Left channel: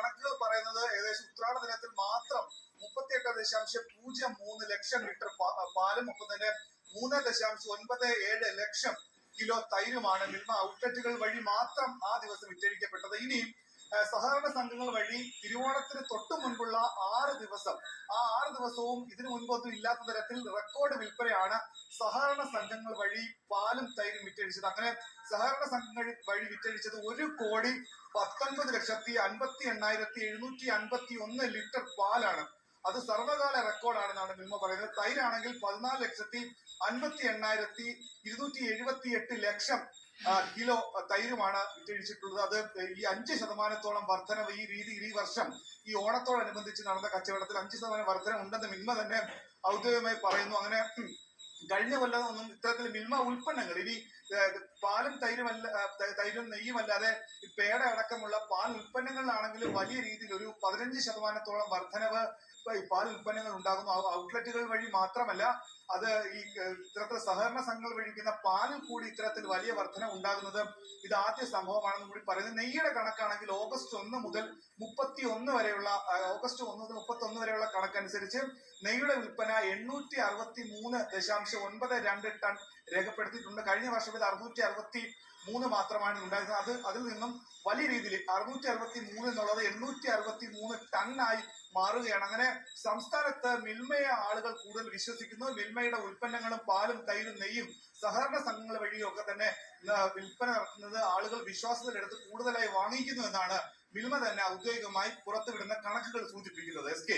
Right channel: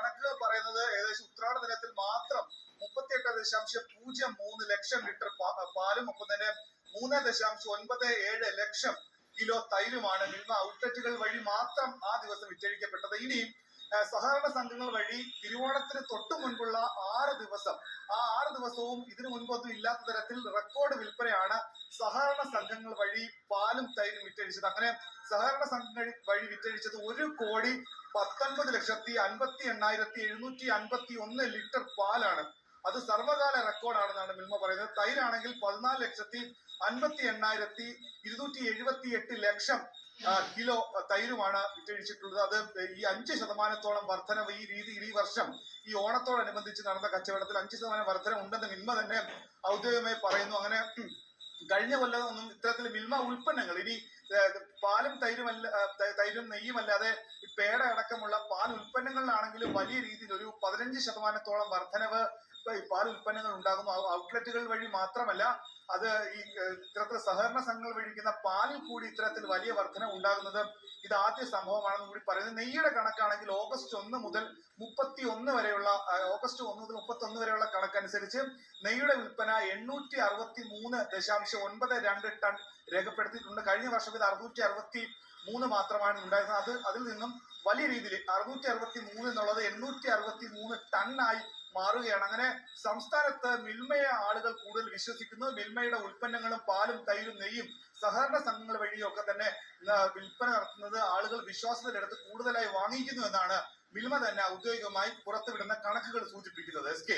കണക്കുകൾ പറയുന്നത് ഏകദേശം ഉത്രാട ദിനത്തിൽ മാത്രം 38.03 ലക്ഷം ലിറ്റർ പാലും ഒപ്പം തന്നെ 3.97 ലക്ഷം കിലോ തൈരുമാണ് മിൽമ ഔട്ട്ലെറ്റുകൾ വഴി മാത്രം ആ ദിവസം വിറ്റഴിക്കപ്പെട്ടത്. ഇനിയും സഹകരണ സംഘങ്ങൾ വഴി തിരുവോണത്തിന് തൊട്ടു മുൻപുള്ള 6 ദിവസം, ആ 6 ദിവസവും ഇതിനു മുൻപൊന്നും ഇല്ലാത്ത തരത്തിൽ റെക്കോർഡ് വിൽപ്പനയാണ് സഹകരണ സംഘങ്ങൾ വഴി പാലും തൈരും വിറ്റഴിച്ചത്. അങ്ങനെ സഹകരണ സംഘങ്ങൾ വഴി വിറ്റഴിച്ചത് 1,19,58,751 ലിറ്റർ പാലാണ്. അത് സർവകാല റെക്കോർഡാണെന്നാണ് മിൽമ പറയുന്നത്. തൈരാണെങ്കിൽ 14,58,278 ലക്ഷം കിലോ തൈരുമാണ് വിറ്റഴിച്ചിട്ടുള്ളത്. അത് ഈ 5% വർധനവ് ഈ വർഷം ഈ ഓണത്തോടനുബന്ധിച്ച് നടന്ന കച്ചവടത്തിൽ 5% വർധന ഉണ്ടെന്ന് മിൽമ തന്നെ ഔദ്യോഗികമായി പറയുന്നു. അങ്ങനെ കഴിഞ്ഞ കൊല്ലം ഒന്നും ഇത്തരത്തിൽ മിൽമ ഉൽപ്പന്നങ്ങൾ ഇനി പാലും തൈരും നെയ്യുമല്ലാതെ പേട അടക്കമുള്ള പാൽ ഉൽപ്പന്നങ്ങളിലാണെങ്കിലും വലിയ രീതിയിൽ ഒരു 15% വർധനവ് ഈ പാൽ ഉൽപ്പന്നങ്ങൾ ഉണ്ടാകുന്നു. ഔട്ട്ലെറ്റുകൾ വഴി മാത്രമല്ല, അത് ഈ ഇത്തരത്തിൽ സഹകരണ സംഘങ്ങൾ വഴിക്കുന്ന പാലിൽ കൂടി ഇത്തരത്തിൽ വലിയ വർധന ഉണ്ടാകുന്നത് ഇത് ആദ്യ സംഭവമാണെന്ന് കൂടി പറയുന്നത്. നെയ്യുടെ കണക്കാണെങ്കിൽ ഓഗസ്റ്റ് 1 മുതൽ 31 വരെയുള്ള കണക്കനുസരിച്ച് നെയ്യുടെ വിൽപ്പന 863.92 ടൺ രേഖപ്പെടുത്തിയിട്ടുണ്ട്. കഴിഞ്ഞ വർഷം ഇത് 663 മാത്രമാണ് ഉണ്ടായിരുന്നത്. അതിൽ നിന്നും വലിയ രീതിയിൽ 663 എന്നുള്ളത് 863 ടണ്ണായി മാറുകയാണ്. അങ്ങനെ സംസ്ഥാനത്ത് മിൽമയെ ആളുകൾ കൂടുതൽ വിശ്വസിക്കുന്നു. മിൽമയുടെ ഉൽപ്പന്നങ്ങളും പാലും തൈരും നെയ്യും സഹകരണ സംഘങ്ങൾ വഴിയൊക്കെ തന്നെ വിൽപ്പന നടത്തുന്നത് ആളുകൾ വിശ്വാസത്തിലെടുത്ത് കൂടുതലായി വാങ്ങിക്കുന്നു എന്നാണ് മിൽമ തന്നെ ഔദ്യോഗികമായി പുറത്തുവിടുന്ന കണക്കുകൾ സൂചിപ്പിക്കുന്നത്. SK